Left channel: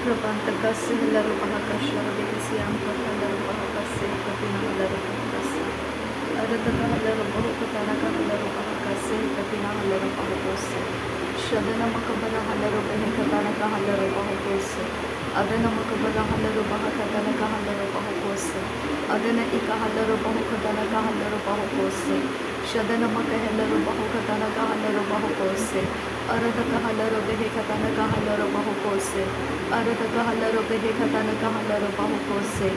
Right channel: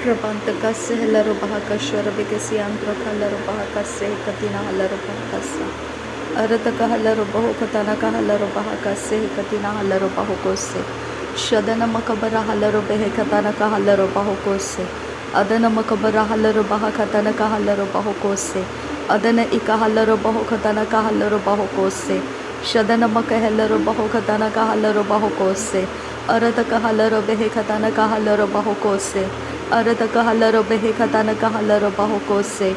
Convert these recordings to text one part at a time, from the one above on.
Rabantakasse helaru bahakasha rabikasi antraka helaru bahakasse katina helaru bahakasa. Arataka helaru bahukatanaka helaru bahakasse katina helaru bahukose. Shadana makabara helaru behekatanaka helaru bahukose. Adana makabara helaru bahakatanaka helaru bahukose. Adana ika helaru bahukatanaka helaru bahukose. Shadana makahelaru bahukatanaka helaru bahukose. Arataka helaru behekatanaka helaru bahukose. Arataka halaro behe katana ka halaro bahokose.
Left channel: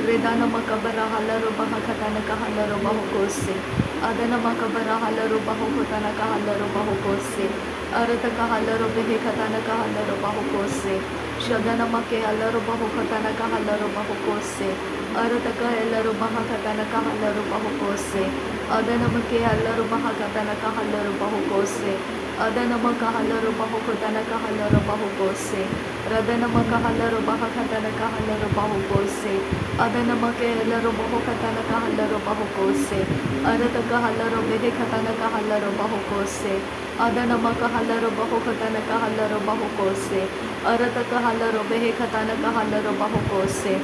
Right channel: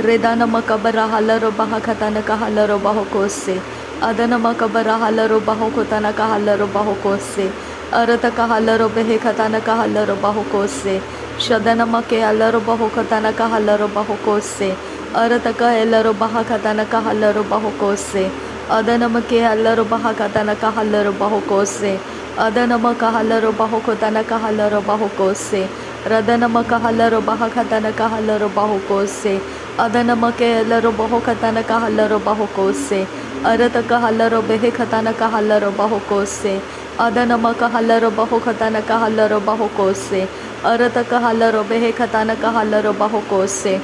Redana makabara halaro bahakatana ka halaro bahokose. Adana makabara halaro bahokotana ka halaro bahokose. Arataka halaro behe katana ka halaro bahokose. Shadana make halaro bahokatana ka halaro bahokose. Arataka halaro bahakatana ka halaro bahokose. Adana make halaro bahakatana ka halaro bahokose. Adana maka halaro bahokotana ka halaro bahokose. Radana makahalaro bahakatana kahalaro bahukose. Adana makelaro bahokatana kahalaro bahukose. Arata kahalaro behekatana kahalaro bahukose. Adana makahalaro bahokatana kahalaro bahukose. Arata kahalaro behekatana kahalaro bahukose.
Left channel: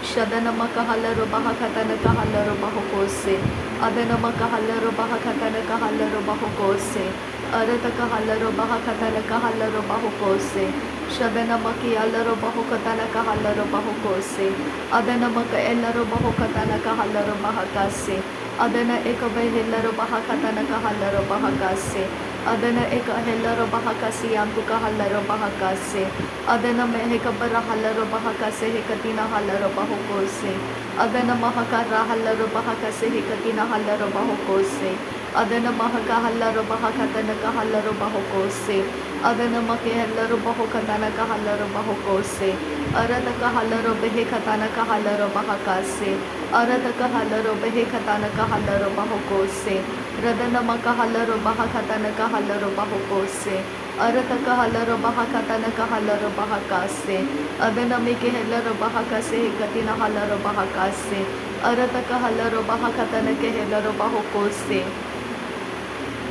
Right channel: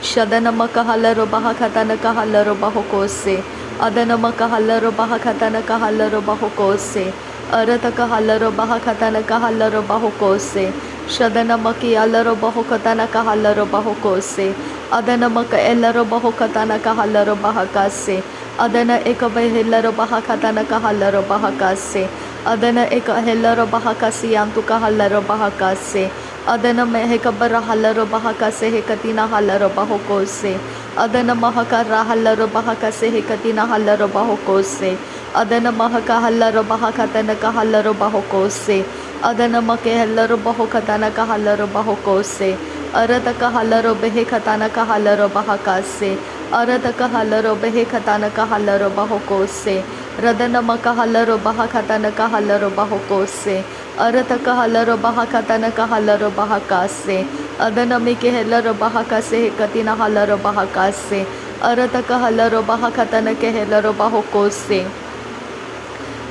Shadana makahalaro bahakatana kahalaro bahukose. Adana makahalaro bahakatana kahalaro bahukose. Arata kahalaro bahakatana kahalaro bahukose. Shadana maki alaro bahokatana kahalaro bahokose. Adana maka elaro bahokatana kahalaro bahakase. Adana eka behellaro bahakatana kahalaro bahakase. Adana eka hellaro bahakasi antu kahalaro bahakase. Adana meheka barahalaro bahakase hekatina halaro bahokose. Adana mahakara halaro bahakase hekatina halaro bahokose. Adana mahaka halaro bahakatana kahalaro bahokose. Adana make hellaro bahokatana ka hellaro bahokose. Arataka hellaro behekatana ka hellaro bahakase. Arataka hellaro behekatana ka hellaro bahokose. Radana maka hellaro bahakatana ka hellaro bahokose. Arataka hellaro bahakatana ka hellaro bahakase. Adana make hellaro bahakase katina hellaro bahakase. Arataka hellaro bahakatana ke hellaro bahokose.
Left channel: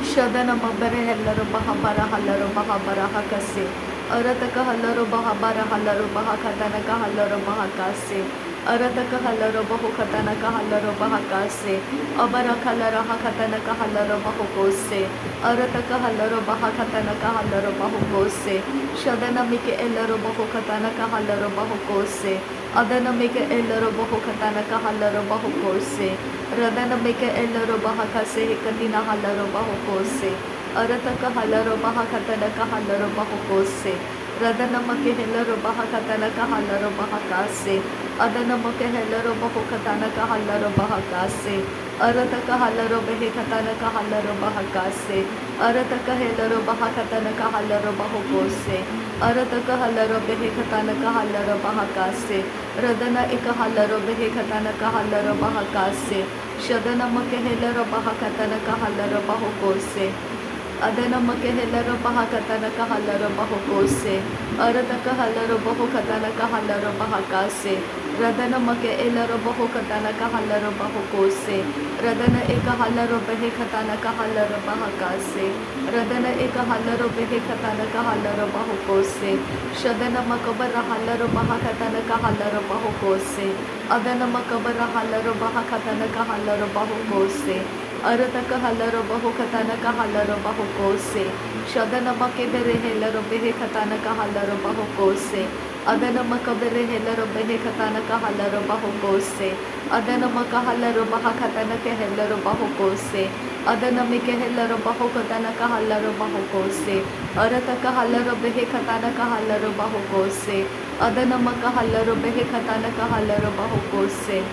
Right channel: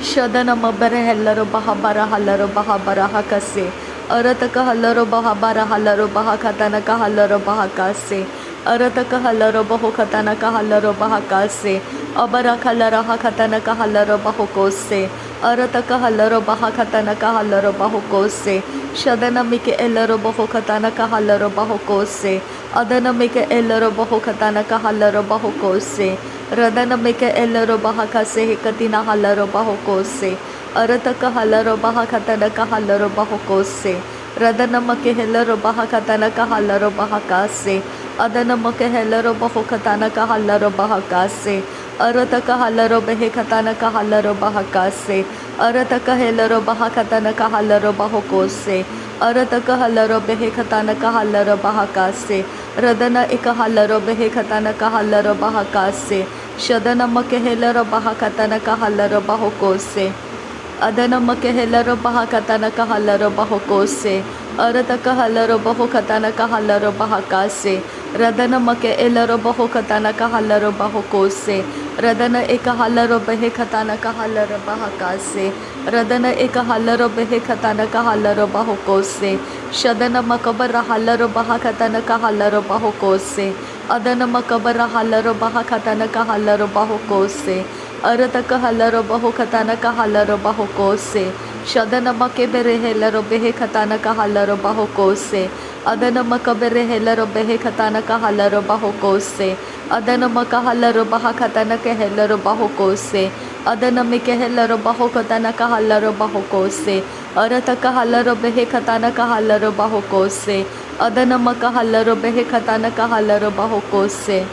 Shadana mabara hellaro bahabara hellaro bahabara hakase. Arataka hellaro bahabara hellaro bahakatana ka hellaro bahakase. Arataka hellaro bahokatana ka hellaro bahakase. Abara kallara hakatana ka hellaro bahokose. Arataka hellaro bahakatana ka hellaro bahokose. Shadana mike ellaro bahokatana ka hellaro bahokose. Adana mike ellaro bahokatana ka hellaro bahokose. Radana meke ellaro bahakase hekatina halaro bahokose. Arataka halaro bahakatana ka halaro bahokose. Radana make hellaro bahakatana ka halaro bahakase. Adana make hellaro bahokatana ka halaro bahakase. Arataka halaro behekatana ka halaro bahakase. Arataka hellaro bahakatana ka halaro bahokose. Arataka halaro behekatana ka halaro bahakase. Radana eka halaro behekatana ka halaro bahakase. Shadana makehelaro bahakatana ka halaro bahokose. Adana makehelaro bahakatana ka halaro bahokose. Arataka halaro bahokatana ka halaro bahakase. Radana make elaro bahokatana ka halaro bahokose. Radana eka halaro behekatana ka halaro bahakase. Radana eka halaro behekatana ka halaro bahokose. Shadana makabara halaro bahakatana ka halaro bahokose. Adana makabara halaro bahakatana ka halaro bahokose. Arataka halaro bahokatana ka halaro bahokose. Shadana makebere helaro behekatana ka halaro bahokose. Adana makabere helaro behekatana ka halaro bahokose. Adana makahalaro bahakatana ka helaro bahokose. Adana mike helaro bahokatana ka halaro bahokose. Arataka halaro behekatana ka halaro bahokose. Adana makahalaro behekatana ka halaro bahokose.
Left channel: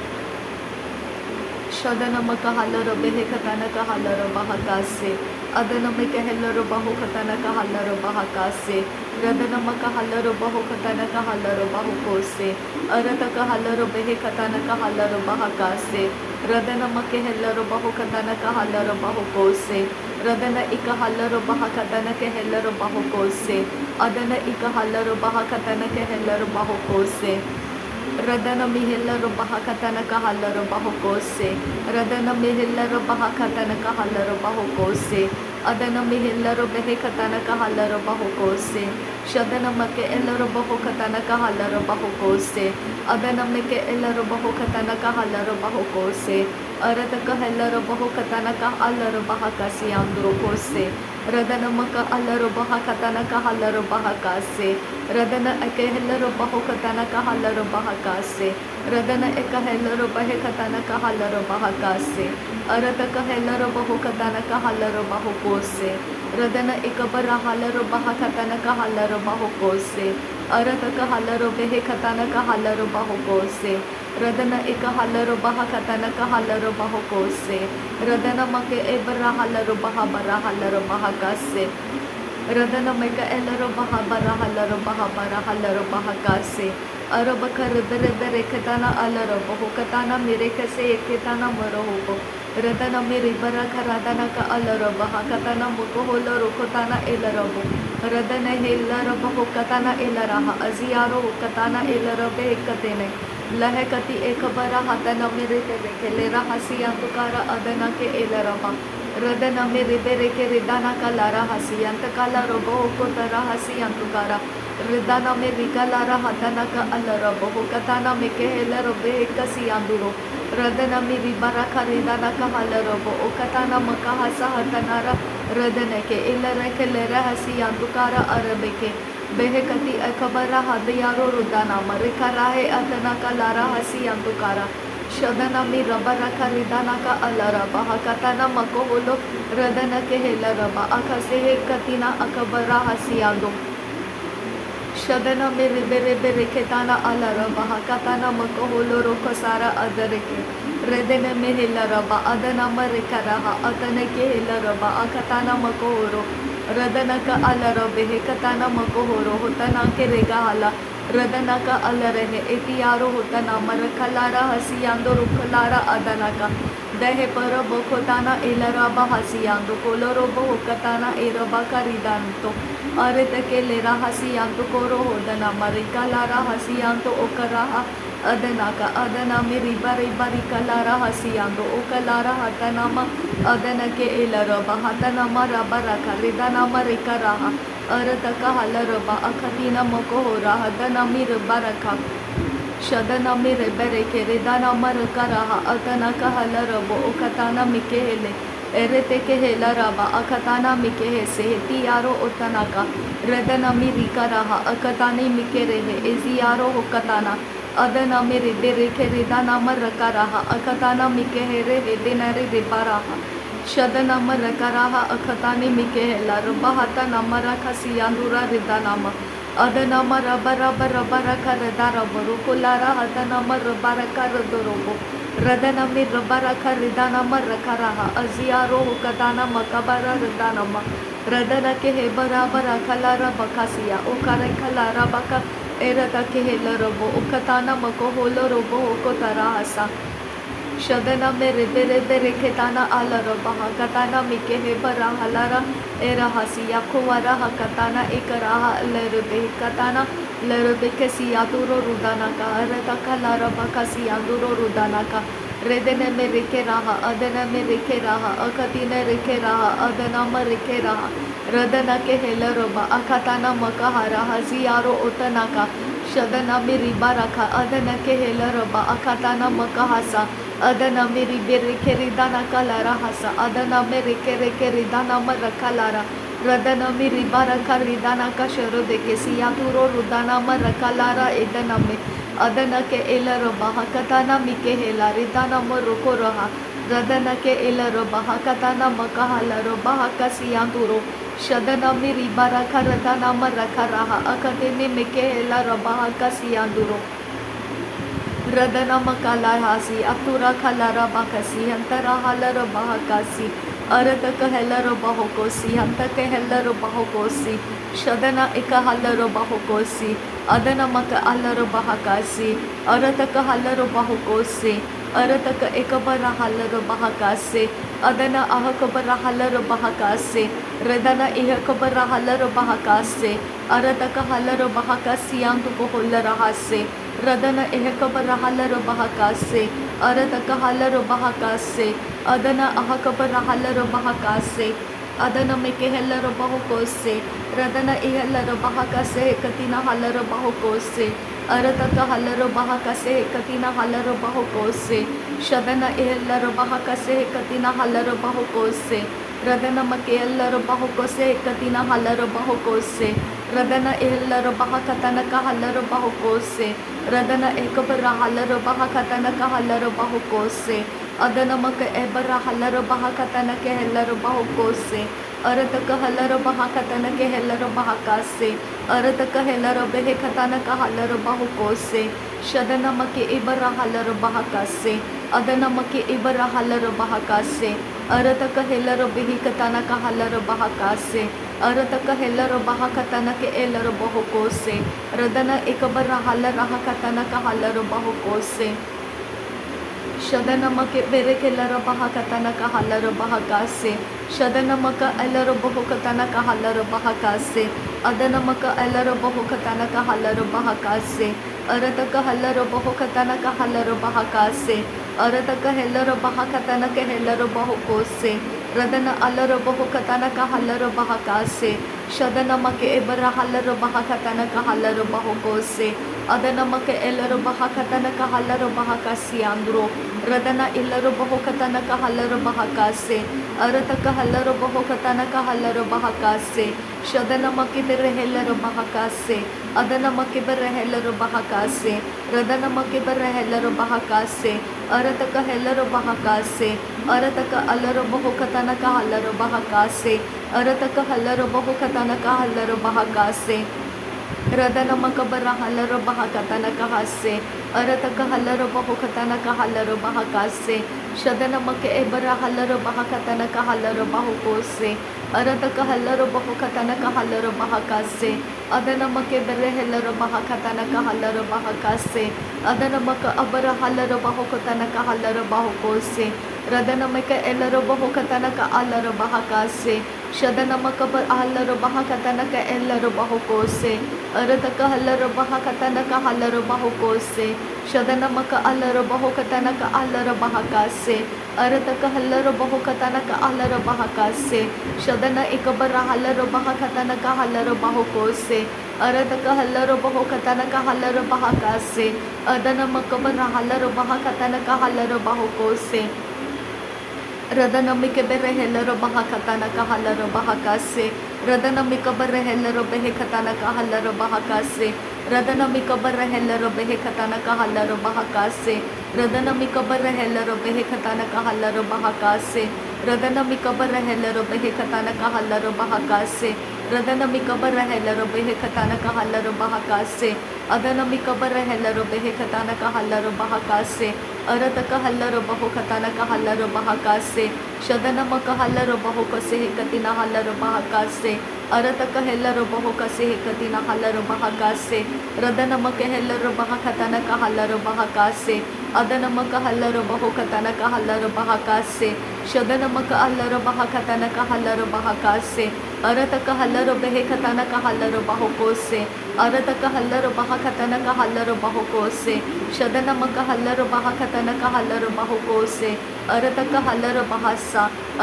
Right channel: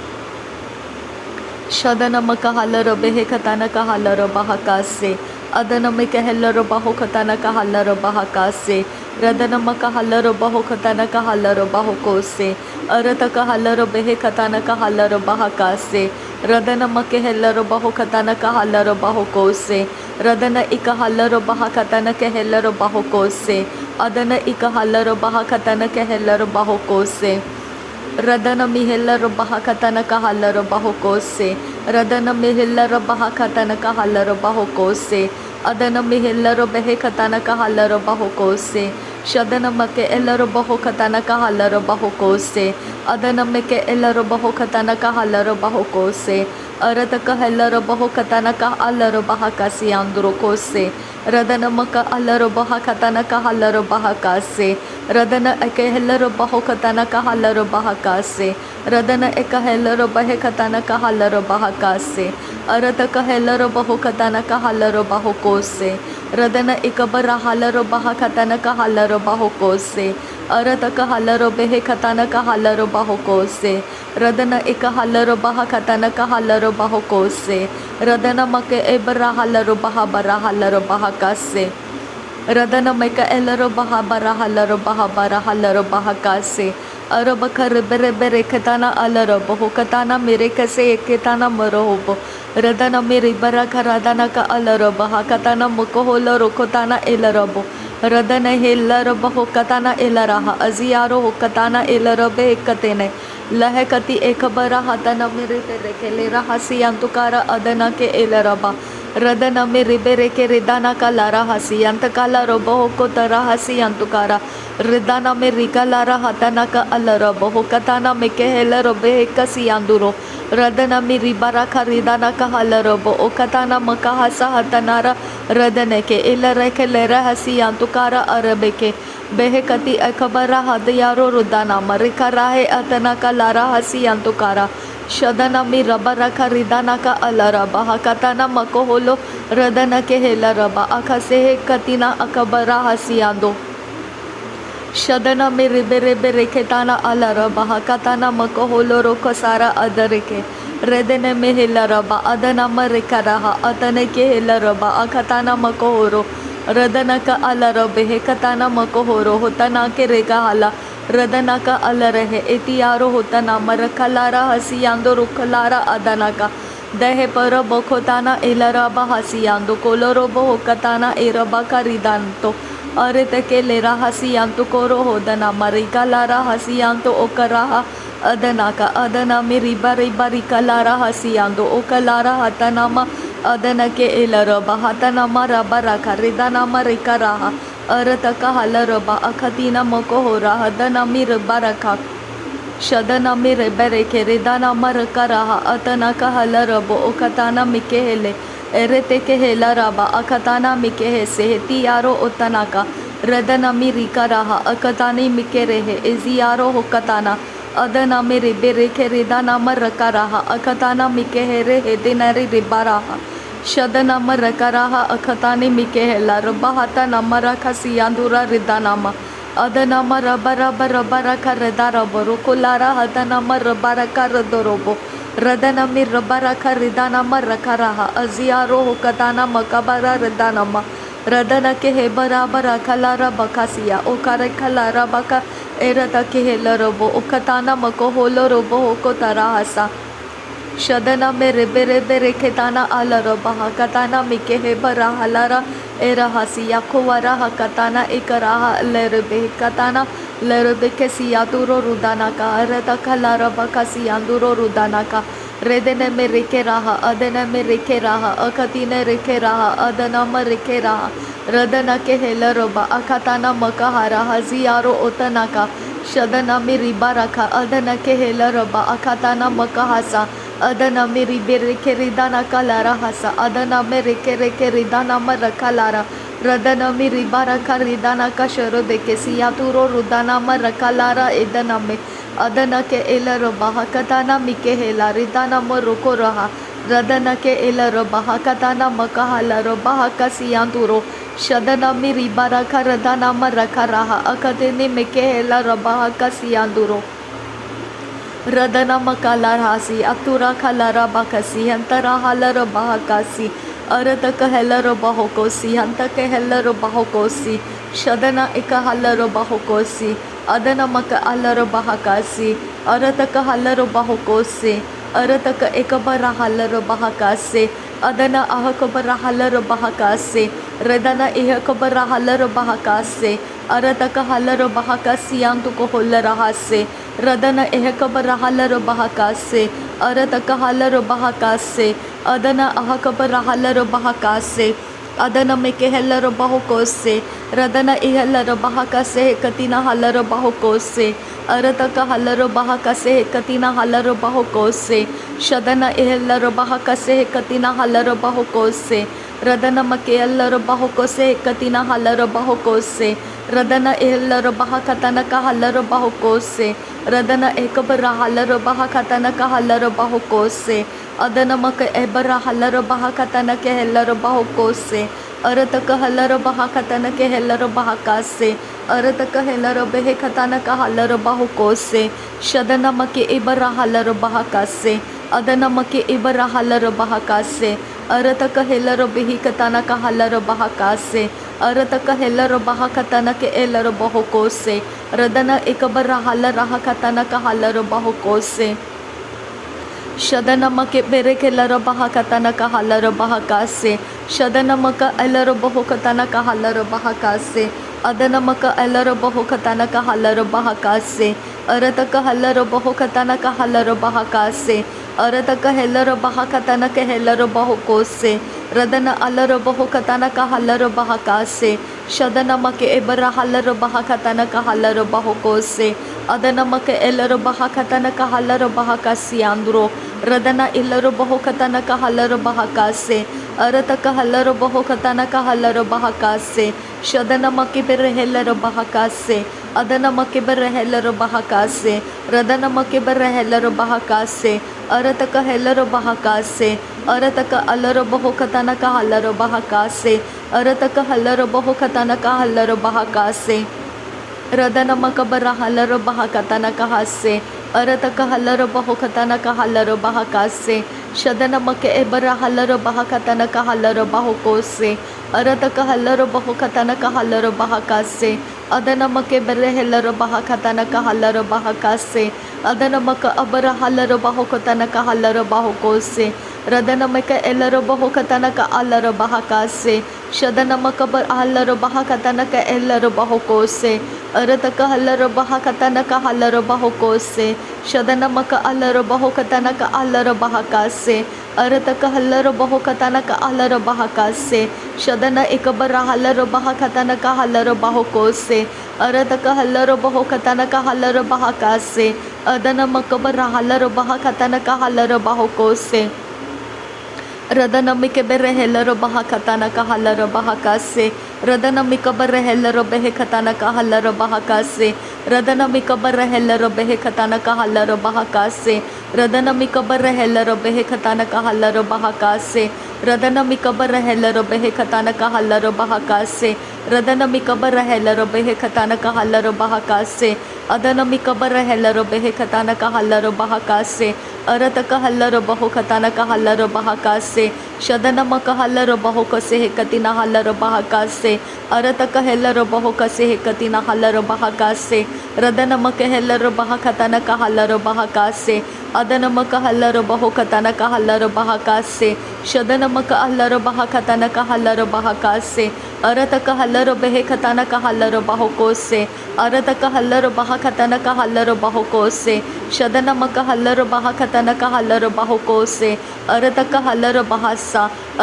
Shadana makahalaro behekatana ka halaro bahakase. Adana mikahelaro bahokatana ka halaro bahakase. Radana makahalaro bahokatana ka halaro bahokose. Arataka halaro behekatana ka halaro bahakase. Radana makahelaro bahokatana ka halaro bahokose. Radana ikahalaro bahakatana ka helaro bahokose. Adana ikahalaro bahakatana ka helaro bahokose. Radana mihellaro bahakatana ka halaro bahokose. Radana mihellaro bahakatana ka halaro bahokose. Adana mihellaro behekatana ka halaro bahokose. ಶದನಮಕ್ಕೆ ಎಲ್ಲರೂ ಬಹುಕತನಕ ಹಲ್ಲರು ಬಹುಕೋಸೆ ಅದನಮ್ಮಕ್ಕೆ ಎಲ್ಲರೂ ಬಹುಕತನಕ ಹಲ್ಲರು ಬಹುಕೋಸೆ ಅರತಕ ಎಲ್ಲರೂ ಬಹುಕತನಕ ಅಲ್ಲರು ಬಹಕಸಿ ಅಂದರು ಕೋಸೆ ರದನಮಕ ಅಲ್ಲರು ಬಹಕತನಕ ಹಲ್ಲರು ಬಹಕಾಸೆ ರದನ ಎಕೆ ಎಲ್ಲರೂ ಬಹುಕತನಕ ಹಲ್ಲರು ಬಹಕಾಸೆ ರದನ ಎಕ ಎಲ್ಲರೂ ಬಹಕತನಕ ಹಲ್ಲರು ಬಹಕಾಸೆ ಅರತಕ ಎಲ್ಲರೂ ಬಹುಕತನಕ ಹಲ್ಲರು ಬಹುಕೋಸೆ ರದನ ಇಕಬರ ಹಲ್ಲರು ಬಹಕತನಕ ಹಲ್ಲರು ಬಹುಕೋಸೆ ಅರತಕ ಹಲ್ಲರು ಬೆಹಕತನಕ ಹಲ್ಲರು ಬಹುಕೋಸೆ ರದನ ಇಕ ಹಲ್ಲರು ಬಹಕತನಕ ಹಲ್ಲರು ಬಹುಕೋಸೆ ರದನ ಮಕ್ಕೆ ಎಬರ ಹಲ್ಲರು ಬಹಬರ ಹಲ್ಲರು ಬಹಕಾಸೆ ರದನ ಮೈಕ ಎಲ್ಲರೂ ಬಹಬರ ಹಲ್ಲರು ಬಹಕಾಸೆ ಅರಬಕ ರಿಬೆರೆ ಬೆರೆಕತಾನ ಅಲರ ಬಹುಕತಾನ ಮಿರೆಕಸೆ ಎಕೆತಾನ ಮರೋಹೋಬು ರದನ ಮಿರಿಬರಕ ರದನಕ ಅಲರ ಬಹಕತಾನ ಮುಖಹೋಲ ರುಕತಾನ ಎಲರಬು ರದನ ಹೆಲ್ಲರ ಬಹುಕತಾನ ಎಲರಹ ಅಜಿಯಾರೋ ಹುಕತಾನ ಎಲರ ಬೇಕತೇನೆ ಲಹಕತಿ ಏಕಬರ ಹತನ ಮಿರಿಬೆರೆಕೆ ಲೆರ ಹಸಿ ಅಂತುಕಾರ ಅದನಕೆ ಎಲರಬ ರದನ ಮಿರಿಬೆರೆಕೆ ರಿದನಕ ಲರ ಹಸಿ ಅಂತಕಾಲ ರೊಬ ಹೊಕೋತರ ಹಸಿ ಅಂತುಕಾರ ರಿದನ ಮಿರಿಕಲರ ಹತನಕ ಅಲರ ಬಹುಕತಾನ ಮೆಕೆ ಹೆಲರ ಬೇಕಸಿ ಅಂದುರೋ ರದನ ಮಿರಿಬರಕ ರಿದನಕ ಹಲರಬ ಒಕತಾನ ಮಕ ಹಸ ಹತನರ ರದನಕೆ ಇಲ್ಲರಕೆ ಲೆರ ಹಸಿ ಅಂತುಕಾರ ಅರಬೇಕೆ ಬೆಹಕತಿ ಅಕಬರ ಹದಯಾರೋ ರುದನ ಮರಿಕರಾಹೆ ಅತನಕ ಲರ ಹಸಿ ಅಂತುಕಾರ ಶದನ ಮಿ ರಬರಕ ರಿದನಕ ಅಲರ ಬಹಕತನ ಮಕೋಹೋಲೋ ರದನಕೆ ಹೆಲರಬ ಅಕಸೆ ಕತಿನ ಅಕಬರ ಹಸಿಯಾಂದೋ ಶದನ ಮಿ ರಿಬೆರೆ ರೆಕೆತಾನ ಅಲರ ಬಹಕತನ ಮಕೋಹೋಲೋ ರೋಕಸಾರ ಅದರಿಕೆ ರೆದನೆ ಮೆ ಹೆಲರಬ ಅದನ ಮರಿಕರಹ ಅತನಕೆ ಹೆಲರಬ ಅಕತನ ಮಕೋಹೋರೋ ರದನಕ ಅಲರ ಬೆಹಕತನ ಮಕೋಹೋರೋ ಹೊತನಾಕೆ ರೆಗ ಹಲ ರದನಕ ಅಲರಹೆ ಎತಿಯಾರೋ ಹೊತನ ಮರಕಲಾರ ಹಸಿಯಾಂದೋ ರುಕಲಾರ ಅದನಕ ದಹೆ ಪರ ಬಖೋತಾನ ಎಲರಬ ಹಸಿಯಾಂದೋ ಕೊಲೊರೊಬ ಹೊಕತಾನ ಎರಬ ಕರಿದಂತೋ ಅರೆತಕೆ ಲೆರ ಹಸಿಯಾಂತು ಕೋರೋ ಹೋದನ ಮರಿಕಲಾರ ಹಸಿಯಾಂತೋ ಒಕರಹ ಅದನಕ ಅದನ ಮಿರಿಬರಿಕಲಾರ ಹಸಿಯಾಂದೋ ಒಕಲಾರ ಹತನಮ ಅದನಕೆ ಎಲರಬ ಹತನಮ ರಬರಕ ರಿದನಮ ರಿಕರಹ ಅರತಕ ಹಲರಬ ಅಖತಿನ ಮಕೋಹೋರ ಹದನ ಮಿರ್ಬರಕ ಶದನ ಮಿರೆಬೆರೆಕೆ ರಿದನಮ ರಕರಹ ಅತನಕ ಹಲರಬ ಒಕತಾನ ಮಿಕೆ ಹೆಲೆ ಎರೆತೆಕೆ ಹೆಲರಬ ಅಕತಾನ ಮಿಕೆ ಹೆಸೆ ಹೆತಿಯಾರೋ ಒತನಕ ರದನ ಮಿರಿಕರಹ ಅಕತಾನಿ ಮಿಕೆ ರೆಹೆ ಎಜಿಯಾರೋ ಹೊಕತಾನ ಅದನ ಮಿರಿಬೆರೆಕೆ ರಿದನಮ ರಕರಹ ಅಕತಾನ ಮಿಕೆ ಹೆರೆ ಹೆದಿನರಿ ರಿಬರಹ ಶದನಮ ರಕರಹ ಅಖತಾನಿ ಮಿಕೆ ಹೆಲ್ಲ ರಬ್ಬ ಹತ ನಮರ ಖಸಿಯಾಂದೂರ ರಿದನಮ ಅದನಮ ರಬರಕ ರೆದರಬರು ಕುಲಾರ ಹತನಮ ರಬರಕ ರದರೊಬು ರದನಮಿ ರಬರಕ ರಿದನಮ ರಕರಹ ಅಜಿಯಾರೋ ಹುಕತಾನ ಮಕಬರ ರಿದನಮ ರದನಕೆ ಹೆಬರಾಬರ ಕಲಾರ ಬಕಸಿಯ ಒಕರ ಕಲಾರ ಬಕ ಎರತಕೆ ಹೆಲ್ಲರೊಬು ಉಕತಾನ ಮಕೋಹೋಲ ರೊಬೊ ಹೊಕೋತರ ಹಸ ಶದನ ಮೆ ರೆಬೆರೆ ಕೆತಾನ ಅಲರ ಬಹಕತಾನ ಮಿಕೆ ಹೆಬರ ಹಲರ ಎರ ಹಸಿ ಯಖುವರ ಹಕತಾನ ಇಕರಹ ಲೆರಬೆ ಕತಾನ ಲೆರಬೆ ಕೆಸಿಯಾತುರೋ ರುದನಕ ಅರತಕ ಲರಬ ಕಸಿಯಾಂದುರೋ ರುದನಕ ರೆದನೆ ಮೆ ರಿಕೆರಹ ಅದನ ಮೆ ರಿಕೆರಹ ಅಕತಿನ ರಿಕೆರಹ ಅದನಮ ರಿಕೆರಹ ರದನಕೆ ಹೆಲರೊಬ ಅಕತಾನ ಮಕಹರ ಹಜಿಯಾರೋ ಒತನಕ ಶದನ ಮಿ ರಿಬರಕ ಅದನಕೆ ಹೆಲರೊಬ ಅಕತಾನ ಮಕಹಸ ಅದನ ಮಿರಿಬೆರೆಕೆ ರಿದನಕ ಲರ ಹಸ ಅದನ ಮೆರೆಕೆ ರಿದನಮ ರಕಲಾರ ರದನ ಮಿರಿಬರಕ ರಿದನಕ ಶರೊದೆಕೆ ಸಿಯಾತುರೋ ರುದನಮ ರಕಲಾರ ಎದನಮೆ ಅದನಕೆ ಎಲರೊಬ ಹಕತಾನ ಮಿಕೆ ಹೆಲ ರಿದನಮ ರುಕೊರಹ ರದನಕೆ ಎಲರೊಬ ಹಕತಾನ ಮಕಹಲರೊಬ ಹಕ ಸಿಯಾಂತುರೋ ಶದನ ಮಿರಿಬರಕ ರದನಮ ರಕರಹ ಅಕತೆನೆ ಮಿಕೆ ಹೆಲರೊಬ ಹಕ ಸಿಯಾಂದುರೋ ರದನ ಮಕಲಾರ ಹಾಸಿ ಅತುರ ಕಲರ ಬಕಸಿ ಅಂತರ ಹಲರ ಬಹಕಾಸಿ ಅರತಕ ಹೆಲ್ಲರ ಬಹಕೋಸಿ ಹಂತಕ ಹೆಲ್ಲರ ಬಹಕೋಸಿ ಶದನ ಇಕ ಹಲ್ಲರ ಬಹಕೋಸಿ ಅದನ ಮಕ ಅಲ್ಲರ ಬಹಕಾಸಿ ಅರತಕ ಹಲ್ಲರ ಬಹಕೋಸಿ ಅರತಕ ಇಕಬರ ಹಲ್ಲರ ಬಹಕಾಸಿ ಅದನ ಅಹಕಬರ ಹಲ್ಲರ ಬಹಕಾಸಿ ರದನ ಇಹಕಬರ ಹಲ್ಲರ ಬಹಕಾಸಿ ಅರತಕ ಹಲ್ಲರ ಬಹಕಾಸಿ ಅಂತುಕ ಹೊಲ್ಲರ ಹಾಸೆ ರದನ ಎಹಕಬರ ಹಲ್ಲರ ಬಹಕಾಸೆ ಅರತಕ ಹಲ್ಲರ ಬಹಕಾಸೆ ಅದನ ಅಹಕಬರ ಹಲ್ಲರ ಬಹಕಾಸೆ ಅದನಮಿಕೆ ಹೆಲ್ಲರು ಬಹುಕೋಸೆ ರದನ ಇಹಲ್ಲರ ಬಹಕಸೆ ಕತಿನ ಹಲ್ಲರು ಬಹುಕೋಸೆ ಅರತಕ ಹಲ್ಲರು ಬಹಕಸೆ ಕತಿನ ಹಲ್ಲರು ಬಹುಕೋಸೆ ಶದನ ಇಹಲ್ಲರು ಬಹಕಸೆ ಕತಿನ ಹಲ್ಲರು ಬಹುಕೋಸೆ ರದನ ಮಕೆ ಎಲ್ಲರು ಬಹುಕೋಸೆ ಕತಿನ ಹಲ್ಲರು ಬಹುಕೋಸೆ ರದನ ಇಹಲ್ಲರು ಬಹಕತನಕ ಹಲ್ಲರು ಬಹುಕೋಸೆ ರದನ ಏಕಬರ ಹಲ್ಲರು ಬಹಕತನಕ ಹಲ್ಲರು ಬಹುಕೋಸೆ ಅದನ ಮಕ ಎಬರ ಹಲ್ಲರು ಬಹಕತನಕ್ಕೆ ಎಲ್ಲರು ಬಹುಕೋಸೆ ಅರತಕ ಹಲ್ಲರು ಬಹಕತನಕ್ಕೆ ಎಲ್ಲರು ಬಹಕಾಸೆ ಅರತಕ ಹೆಲ್ಲರು ಬೆಹಕತನಕ ಹಲ್ಲರು ಬಹುಕೋಸೆ ಶದನ ಮಕೆ ಇಬರ ಹಲ್ಲರು ಬಹಕಾಸೆ ಅದನ ಮಕೆ ಇಬರ ಹಲ್ಲರು ಬಹಕಾಸೆ ಅರತಕ ಹೆಲ್ಲರು ಬಿಹಿಕತನಕ ಹಲ್ಲರು ಬಹಕಾಸೆ ಅರತಕ ಹೆಲ್ಲರು ಬಹಕತನಕ್ಕೆ ಎಲ್ಲರು ಬಹುಕೋಸೆ ರದನ ಇಕಬರ ಹಲ್ಲರ ಹಕತನಕ ಹಲ್ಲರು ಬಹುಕೋಸೆ ಶದನಮಕೆ ಬೆರೆಕೆಲ್ಲರ ಬಹಕತನಕ ಹಲ್ಲರು ಬಹಕಾಸೆ ಶದನಮಕ ಎಲ್ಲರು ಬಹುಕತನಕ ಹಲ್ಲರು ಬಹಕಾಸೆ ಅದನಮಕ ಎಲ್ಲರು ಬಹುಕತನಕ ಹಲ್ಲರು ಬಹಕಾಸೆ ಅರತಕ ಹಲ್ಲರು ಬಹುಕತನಕ ಹಲ್ಲರು ಬಹಕಾಸೆ ಅರತಕ ಹೆಲ್ಲರು ಬಹಕತನಕ ಹೆಲ್ಲರು ಬಹುಕೋಸೆ ರದನ ಅಲ್ಲರು ಬಹುಕತನಕ ಹಲ್ಲರು ಬಹಕಾಸೆ ಶದನಮಕೆ ಇಬ್ಬರ ಹಲ್ಲರು ಬಹಕತನಕ ಹಲ್ಲರು ಬಹುಕೋಸೆ ಅದನಮಕೆ ಎಲ್ಲರು ಬಹಕತನಕ ಹಲ್ಲರು ಬಹಕಾಸಿ ಅಂದ್ರು ರದನ ಇಲ್ಲರು ಬಹುಕತನಕ ಹಲ್ಲರು ಬಹಕಾಸೆ ಅರತಕ ಹಲ್ಲರು ಬಹುಕತನಕ ಹಲ್ಲರು ಬಹಕಾಸೆ ಶದನಮಕೆ ಬೆರೆ ಹೆಲ್ಲರು ಬಹಕಾಸೆ ಅದನಮಕೆ ಬೆರೆ ಹೆಲ್ಲರು ಬಹಕಾಸೆ ರದನಮಕೆ ಬೆರೆ ಹೆಲ್ಲರು ಬಹಕಾಸೆ ಅರತಕ ಹೆಲ್ಲರು ಬಹಕಾಸೆ ಅರತಕ ಅಲ್ಲರು ಬಹುಕತನಕ ಹಲ್ಲರು ಬಹಕಾಸೆ ಅರತಕ ಹಲ್ಲರು ಬಹುಕತನಕ ಹಲ್ಲರು ಬಹಕಾಸೆ ರದನಮಕ ಬರ ಹಲ್ಲರು ಬಹಕತನಕ ಹಾಸೆ ಅರತಕ ಹಲ್ಲರು ಬಹುಕತನಕ ಹಲ್ಲರು ಬಹಕಾಸೆ ಶದನಮಕೆ ಎಬರ ಹಲ್ಲರು ಬಹಕತನಕ ಹಲ್ಲರು ಬಹುಕೋಸೆ ಅರತಕ ಹಲ್ಲರು ಬಹುಕತನಕ ಹಲ್ಲರು ಬಹಕಾಸೆ ಅದನಮಕೆ ಬೆರೆ ಹೆಲ್ಲರು ಬಹಕತನಕ ಹಲ್ಲರು ಬಹಕಾಸೆ ಅದನಮಕ ಅಬರ ಹಲ್ಲರು ಬಹುಕತನಕ ಹಲ್ಲರು ಬಹುಕೋಸೆ ರದನಮಕ ಎಲ್ಲರು ಬಹುಕತನಕ ಅಲ್ಲರು ಬಹಕಾಸೆ ಶದನಮಕ ಹಲ್ಲರು ಬಹಕತನಕ ಎಲ್ಲರು ಬಹುಕೋಸೆ ಅರತಕ ಹಲ್ಲರು ಬಹಕತನಕ ಹಲ್ಲರು ಬಹುಕೋಸೆ ಶದನಮಕ ಅಲ್ಲರು ಬಹುಕತನಕ ಅಲ್ಲರು ಬಹಕಾಸೆ ಅರತಕ ಹಲ್ಲರು ಬಹುಕತನಕ ಅಲ್ಲರು ಬಹಕಾಸೆ ಶದನ ಇಕಬರ ಹಲ್ಲರು ಬಹಕತನಕ ಹಲ್ಲರು ಬಹುಕೋಸೆ ಅರತಕ ಹಲ್ಲರು ಬಹುಕತನಕ ಹಲ್ಲರು ಬಹಕಾಸೆ ಅದನಮಕಬರ ಹಲ್ಲರು ಬಹಕತನಕ ಹಲ್ಲರು ಬಹುಕೋಸೆ ರದನಮಿಕೆ ಬೆರೆ ಹೆಲ್ಲರು ಬಹಕತನಕ ಹಲ್ಲರು ಬಹಕಾಸೆ ರದನಮಿಕ ಬರ ಹೆಲ್ಲರು ಬೆಹಕತನಕ ಹಲ್ಲರು ಬಹಕಾಸೆ ರದನಮಿಕ ಬರ ಹೆಲ್ಲರು ಬೆಹಕತನಕ ಹಲ್ಲರು ಬಹಕಾಸೆ ರದನಮಿಕ ಬರ ಹೆಲ್ಲರು ಬೆಹಕತನಕ ಹಲ್ಲರು ಬಹಕಾಸೆ ರದನಮಿಕ ಬರ ಹೆಲ್ಲರು ಬೆಹಕತನಕ ಹಲ್ಲರು ಬಹಕಾಸೆ ರದನಮಿಕ ಬರ ಹೆಲ್ಲರು ಬೆಹಕತನಕ ಹಲ್ಲರು ಬಹಕಾಸೆ ಅದನಮಿಕ ಬರ ಹೆಲ್ಲರು ಬೆಹಕತನಕ ಹಲ್ಲರು ಬಹಕಾಸೆ ಅರತಕ ಹಲ್ಲರು ಬಹುಕತನಕ ಹಲ್ಲರು ಬಹಕಾಸೆ ಶದನಮಕ ಹಲ್ಲರು ಬಹುಕಸೆ ಹೆಕತಿನ ಹಲ್ಲರು ಬಹಕಾಸೆ ಅರತಕ ಹೆಲ್ಲರು ಬಹುಕಸೆ ಹೆಕತಿನ ಹಲ್ಲರು ಬಹಕಾಸೆ ರದನಮಕ ಹೆಲ್ಲರು ಬಹಕತನಕ ಹಲ್ಲರು ಬಹಕಾಸೆ ಅದನಮಕ ಹಲ್ಲರು ಬಹುಕತನಕ ಹಲ್ಲರು ಬಹಕಾಸೆ ಶದನಮಕ ಹಲ್ಲರು ಬಹಕತನಕ ಹಲ್ಲರು ಬಹಕಾಸೆ ಅರತಕ ಹಲ್ಲರು ಬೆಹಕತನಕ ಹಲ್ಲರು ಬಹುಕೋಸೆ ಅರತಕ ಹಲ್ಲರು ಬಹಕತನಕ ಹಲ್ಲರು ಬಹುಕೋಸೆ ಶದನಮಕ ಹಲ್ಲರು ಬಹಕತನಕ ಹಲ್ಲರು ಬಹುಕೋಸೆ ಅರತಕ ಹಲ್ಲರು ಬಹಸ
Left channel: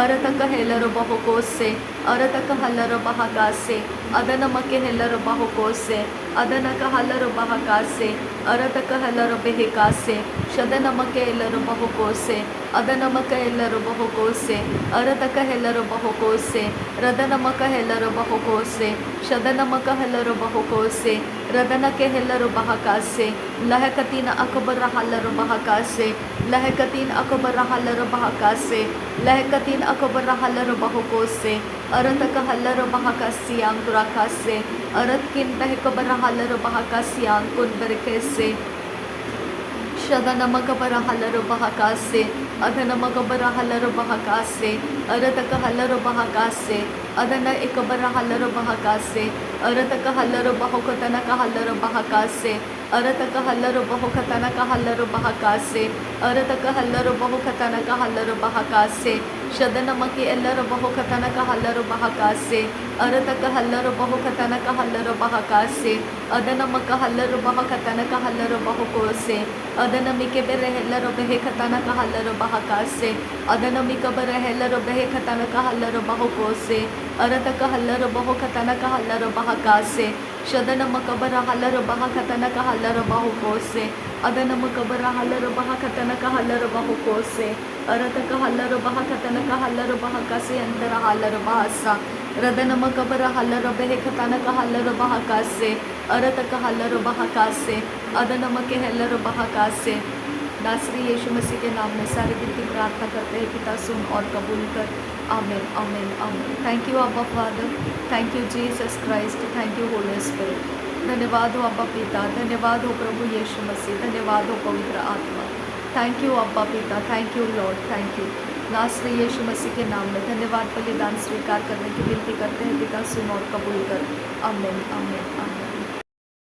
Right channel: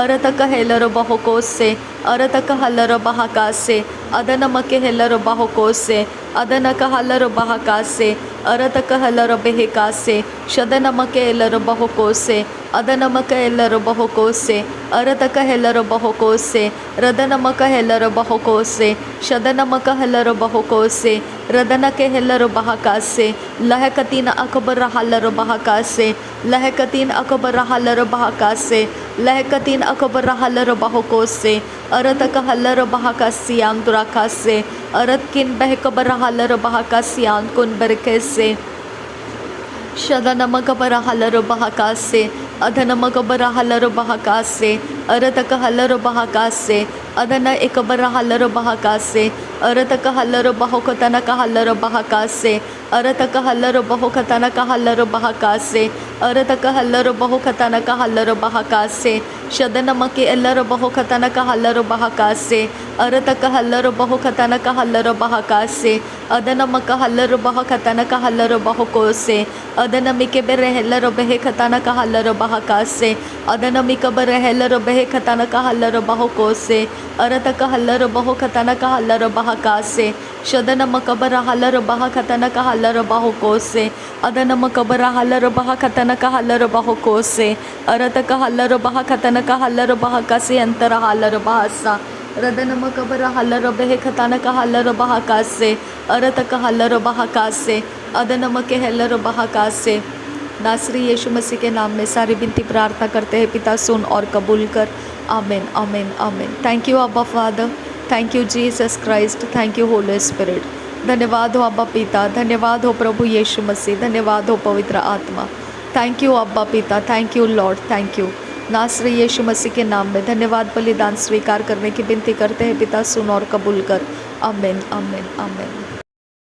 ಅರತಕ ಹೆಲ್ಲರು ಬಹುಕೋಸೆ ಅರತಕ ಹಲ್ಲರು ಬಹಕಾಸೆ ಅದನಮಕೆ ಹೆಲ್ಲರು ಬಹುಕೋಸೆ ಅದನಕ ಹಲ್ಲರು ಬಹಕಾಸೆ ಅರತಕ ಹಲ್ಲರು ಬೆಹಕಾಸೆ ಶದನಮಕೆ ಎಲ್ಲರು ಬಹುಕೋಸೆ ಅದನಮಕ ಎಲ್ಲರು ಬಹುಕೋಸೆ ಅರತಕ ಹೆಲ್ಲರು ಬಹುಕೋಸೆ ರದನಮಕ ಹೆಲ್ಲರು ಬಹುಕೋಸೆ ಶದನಮಕ ಹೆಲ್ಲರು ಬಹುಕೋಸೆ ರದನಕೆ ಹೆಲ್ಲರು ಬಹಕಾಸೆ ಲಹಕತಿನ ಅಕಬರ ಹಲ್ಲರು ಬಹಕಾಸೆ ಲಹಕತಿನ ಅಕಬರ ಹಲ್ಲರು ಬಹಕಾಸೆ ಲಹಕತಿನ ಅಕಬರ ಹಲ್ಲರು ಬಹುಕೋಸೆ ಅರತಕ ಹಲ್ಲರು ಬಹಕಾಸಿಯಾನ್ ದುರಾಕಾಸೆ ಅರತ್ಕಿನ್ ಬೆಹಕಬರ ಹಲ್ಲರು ಬಹಕಾಸಿಯಾನ್ ಕುನ್ ಬೆರಕೆಸೆ ಶದನಮಕ ಬರ ಹಲ್ಲರು ಬಹಕಾಸೆ ಅದನಮಕ ಬರ ಹಲ್ಲರು ಬಹಕಾಸೆ ಅರತಕ ಹಲ್ಲರು ಬಹಕಾಸೆ ಅದನ ಇಕಬರ ಹಲ್ಲರು ಬಹಕಾಸೆ ಅರತಕ ಹಲ್ಲರು ಬಹುಕತನಕ ಹಲ್ಲರು ಬಹಕಾಸೆ ಅರತಕ ಹಲ್ಲರು ಬಹುಕತನಕ ಹಲ್ಲರು ಬಹಕಾಸೆ ಅರತಕ ಹಲ್ಲರು ಬಹುಕತನಕ ಹಲ್ಲರು ಬಹಕಾಸೆ ಶದನಮಕೆ ಎಲ್ಲರು ಬಹುಕತನಕ ಹಲ್ಲರು ಬಹಕಾಸೆ अरतक हल्लर बहु खतनक हल्लर बहका से अदनमक हल्लर बह खतनक हल्लर बहुको से अदनमिके बेरहलर बहे खतनक हल्लर बहका से अदनमिक बरहलर बहे खतनक हल्लर बहुको से अरतक हल्लर बहु खतनक हल्लर बहका से शदनमक बरहलर बह खतनक हल्लर बहुको से अदनमक बरहलर बह खतनक हल्लर बहुको से अरतक हल्लर बह खतनक हल्लर बहका से अंतर हल्लर बहसा रदनमक बरहलर बहे खतनक हल्लर बहका से अरतक हल्लर बहका से अदनमक हल्लर बहका से। नासरी यीशु मसीह के नाम में सारी विनती प्रार्थना करते हैं पिता, सुन और कबूल कर। आमीन आमीन आमीन। थैंक यू अब्बा father, thank you Jesus Christ, thank you Holi स्पिरिट। धन्यवाद हो अब्बा पिता, धन्यवाद हो प्रभु यीशु मसीह, धन्यवाद हो पवित्र आत्मा। थैंक यू अब्बा पिता, thank you Lord, thank you. नासरी यीशु मसीह के नाम में धन्यवाद बलिदान स्वीकार करने की विनती करते हैं पिता, सुन और कबूल कर। आमीन आमीन आमीन।